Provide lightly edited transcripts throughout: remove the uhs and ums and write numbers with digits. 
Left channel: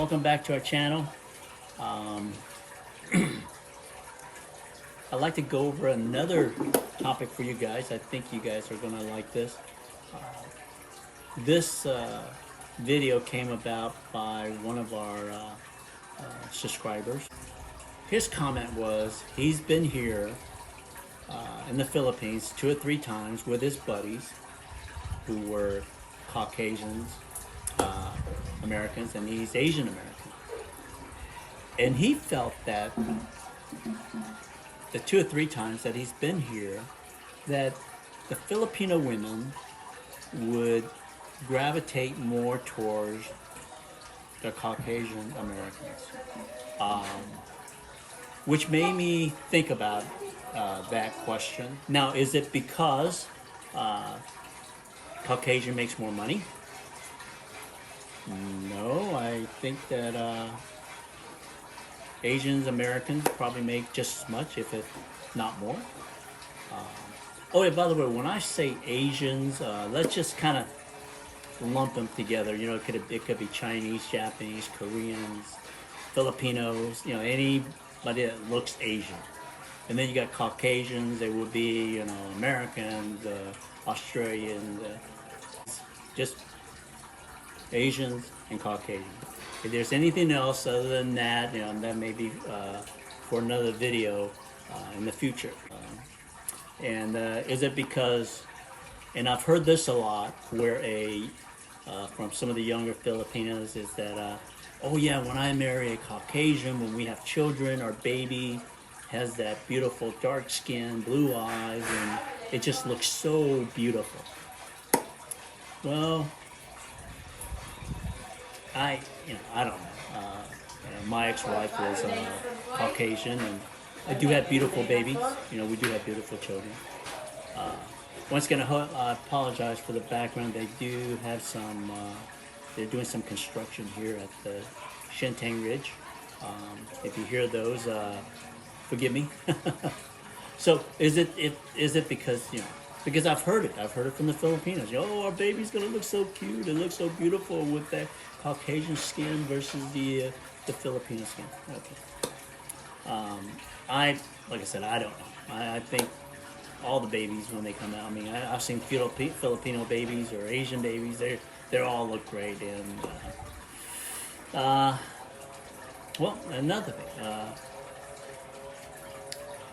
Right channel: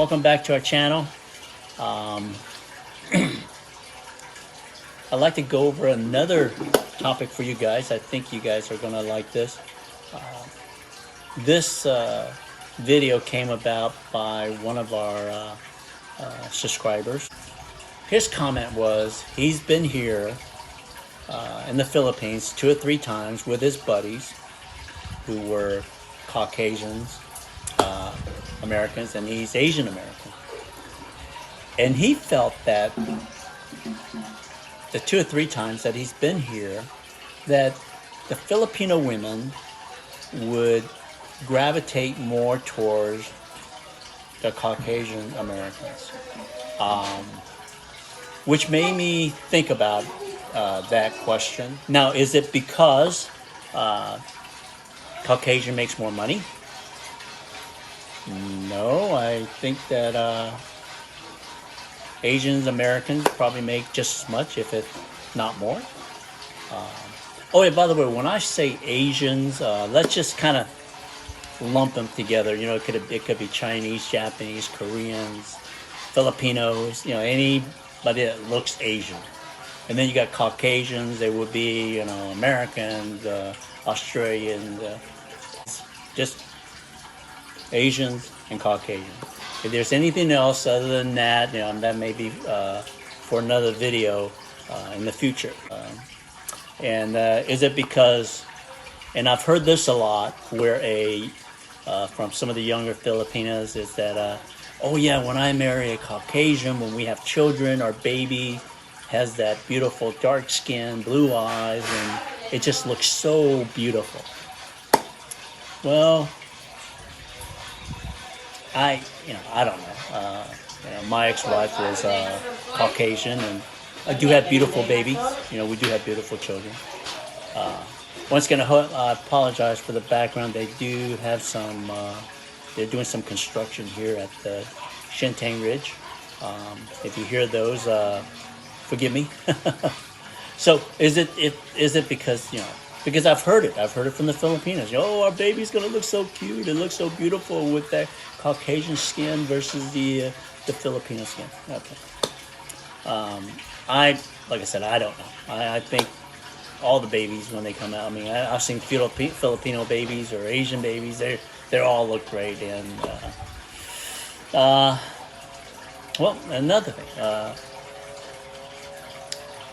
Welcome back to our channel. I'd like to go over another topic for you guys. I think you guys are going to like this. This video came about by one of our subscribers. His comment was he's been here in the Philippines 2 or 3 times with his buddies who were Caucasians, Americans, and he's Asian American. And he felt that the 2 or 3 times that he's been here, that the Filipino women would gravitate more towards the Caucasian Americans, which made me think about that question. Now, is it because Caucasian makes more money? No, I think that Asians, Americans probably make just as much, if it's not more. Oh, yeah, by the way, when I say Asians, let's just kind of lump them together. You know, it could be Chinese, Japanese, Koreans, Filipinos, you know, anybody that looks Asian. And then you got Caucasians, they would be, you know, Americans, Australians, just Asians and Caucasians. If there's anything else other than that, you know, that may be for another video in the future. Is it because, and I've heard this a lot, where from some of the younger Filipinas is that, oh yeah, when I marry a Caucasian, when we have children, our baby has that beautiful dark skin, blue eyes, and it just looks so beautiful. Well, I don't know. My ex-wife was Caucasian, and I do have beautiful babies. You know, we do have beautiful children. Once again, I apologize for the background. They do have some. They're doing some construction here at the Shintang Ridge. If you hear those, forgive me. So, is it because, you know? Because I've heard it. I've heard it from the Filipinos. Oh, our baby's gonna look so cute. It looks so beautiful with that Caucasian skin versus the Filipino skin. Okay. Like I said, I don't know. I think all the babies when they come out. I mean, I've seen Filipino babies or Asian babies. They all look great. And well, another thing.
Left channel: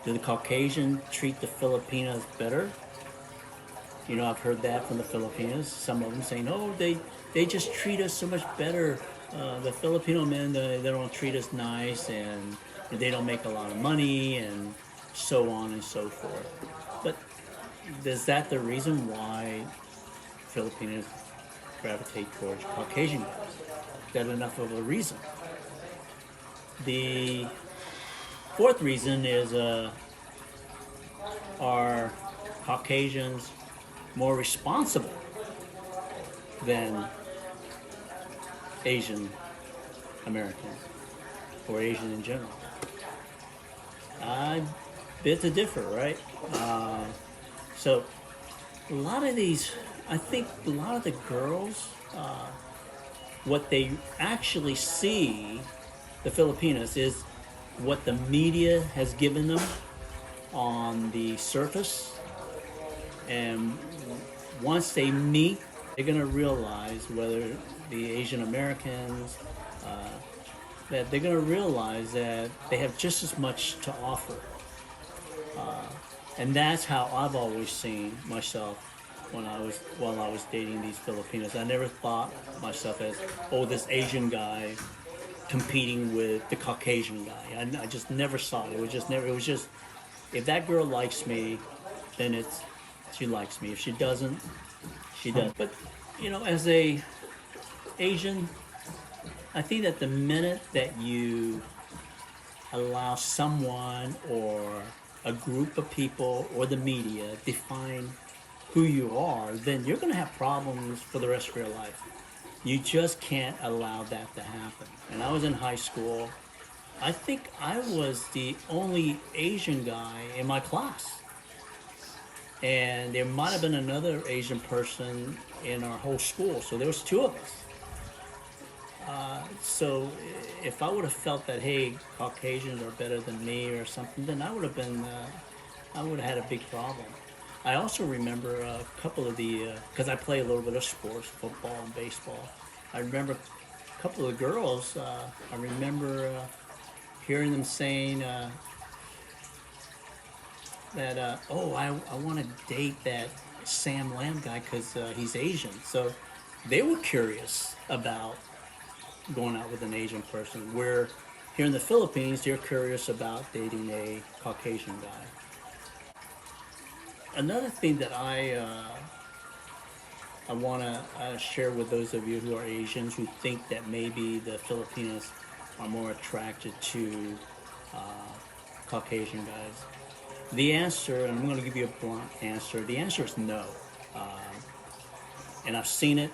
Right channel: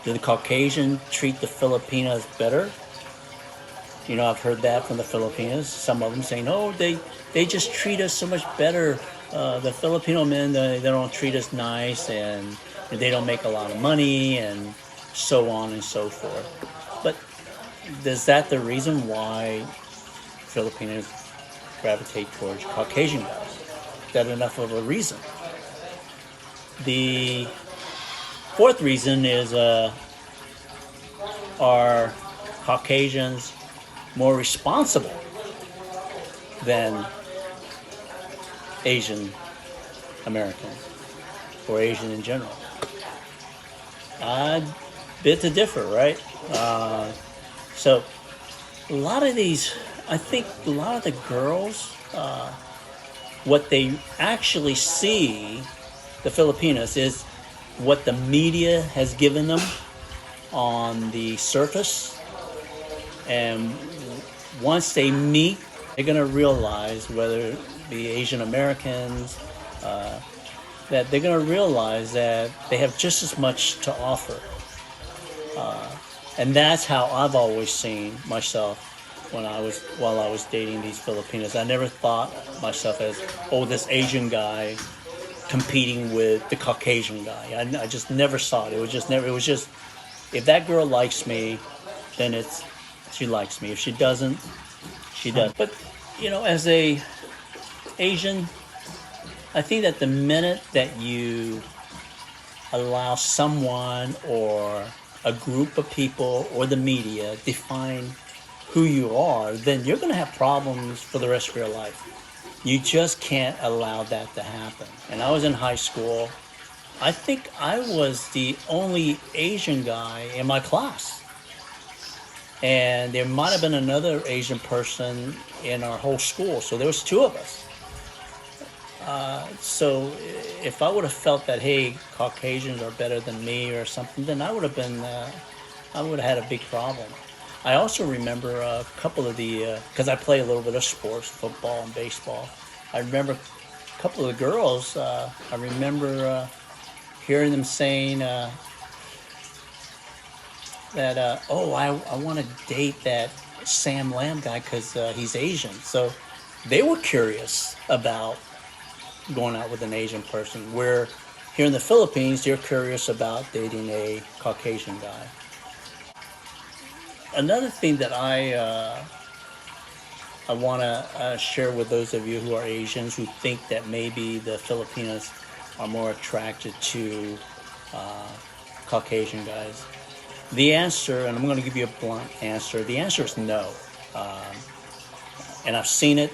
Do the Caucasian treat the Filipinas better? You know, I've heard that from the Filipinos. Some of them saying, "Oh, they just treat us so much better. The Filipino men, they don't treat us nice, and they don't make a lot of money, and so on and so forth." But is that the reason why Filipinos gravitate towards Caucasian guys? Is that enough of a reason? The fourth reason is, are Caucasians more responsible than Asian Americans or Asian in general? I bit to differ, right? So a lot of these, I think a lot of the girls, what they actually see, the Filipinas, is what the media has given them on the surface. And once they meet, they're going to realize, whether it be Asian Americans, that they're going to realize that they have just as much to offer. And that's how I've always seen myself while I was dating these Filipinos. I never thought myself as, oh, this Asian guy competing with the Caucasian guy. I just never saw it. It was just, if that girl likes me, then she likes me. If she doesn't, she doesn't. But, you know, as a Asian, I think that the minute that you allow someone or a group of people or the media define who you are, then you're going to have problems for the rest of your life. You just can't allow that to happen. And I was in high school. I think I was the only Asian guy in my class. And there might have been another Asian person in our whole school. So there was 2 of us. So if I would have felt that, hey, Caucasians are better than me or something, then I would have been, I would have had a big problem. I also remember a couple of because I play a little bit of sports, football and baseball. I remember a couple of the girls, I remember hearing them saying that, oh, I want to date that Sam Lamb guy because he's Asian. So they were curious about going out with an Asian person, where here in the Philippines, they're curious about dating a Caucasian guy. Another thing that I want to share with those of you who are Asians who think that maybe the Filipinos are more attracted to Caucasian guys. The answer, and I'm going to give you a blunt answer, the answer is no. And I've seen it.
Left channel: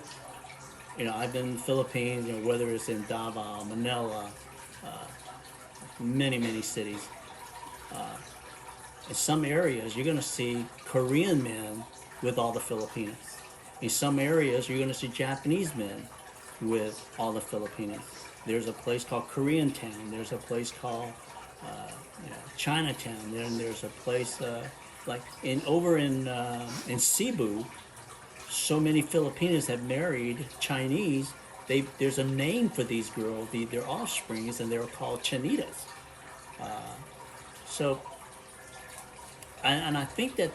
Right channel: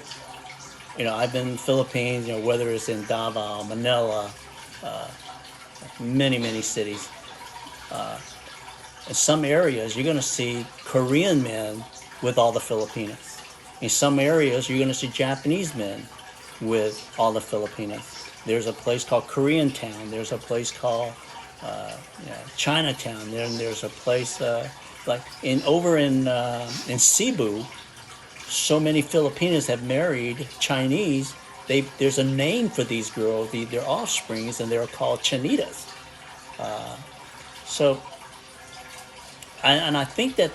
You know, I've been in the Philippines, you know, whether it's in Davao, Manila, many cities. In some areas, you're going to see Korean men with all the Filipinas. In some areas, you're going to see Japanese men with all the Filipinas. There's a place called Koreantown. There's a place called Chinatown. There's a place like over in Cebu. So many Filipinas have married Chinese. There's a name for these girls, their offsprings, and they're called chanitas. And I think that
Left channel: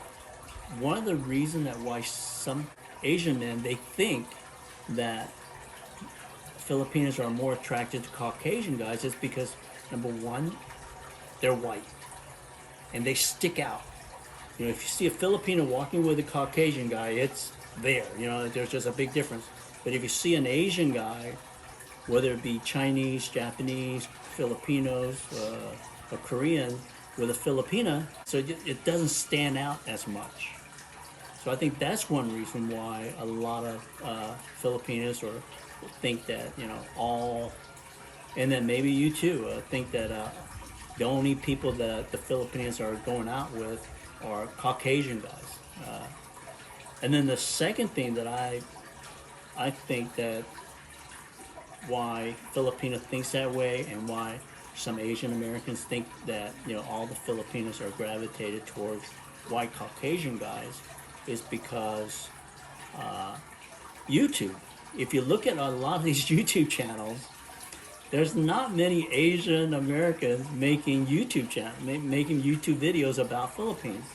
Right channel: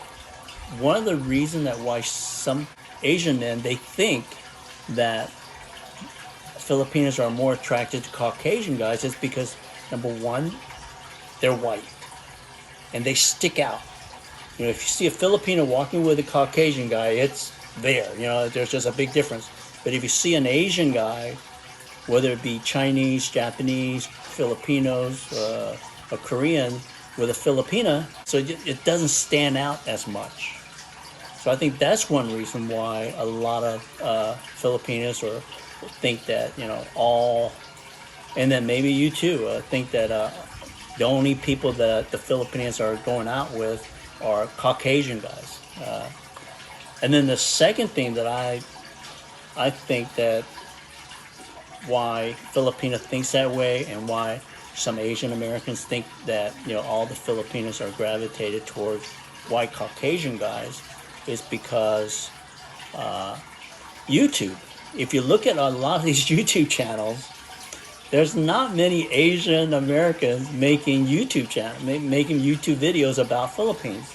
one of the reasons that why some Asian men, they think that Filipinos are more attracted to Caucasian guys is because, number one, they're white and they stick out. You know, if you see a Filipino walking with a Caucasian guy, it's there. You know, there's just a big difference. But if you see an Asian guy, whether it be Chinese, Japanese, Filipinos, or Korean, with a Filipina, so it doesn't stand out as much. So I think that's one reason why a lot of Filipinos think that, you know, and then maybe you too, think that the only people that the Filipinos are going out with are Caucasian guys. And then the second thing that I think that why Filipina thinks that way and why some Asian Americans think that, you know, all the Filipinos are gravitated towards white Caucasian guys is because YouTube. If you look at a lot of these YouTube channels, there's not many Asian Americans making YouTube videos about Philippines.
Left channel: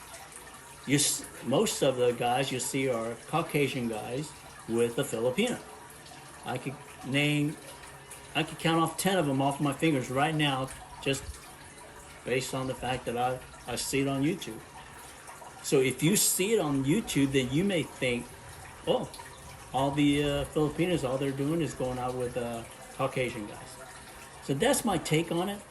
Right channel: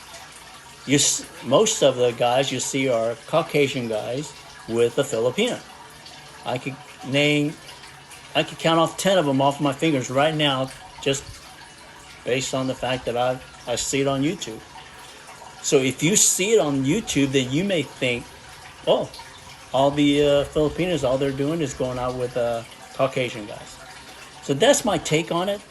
Most of the guys you see are Caucasian guys with a Filipina. I could count off 10 of them off my fingers right now, just based on the fact that I see it on YouTube. So if you see it on YouTube, then you may think, oh, all the Filipinos, all they're doing is going out with Caucasian guys. So that's my take on it.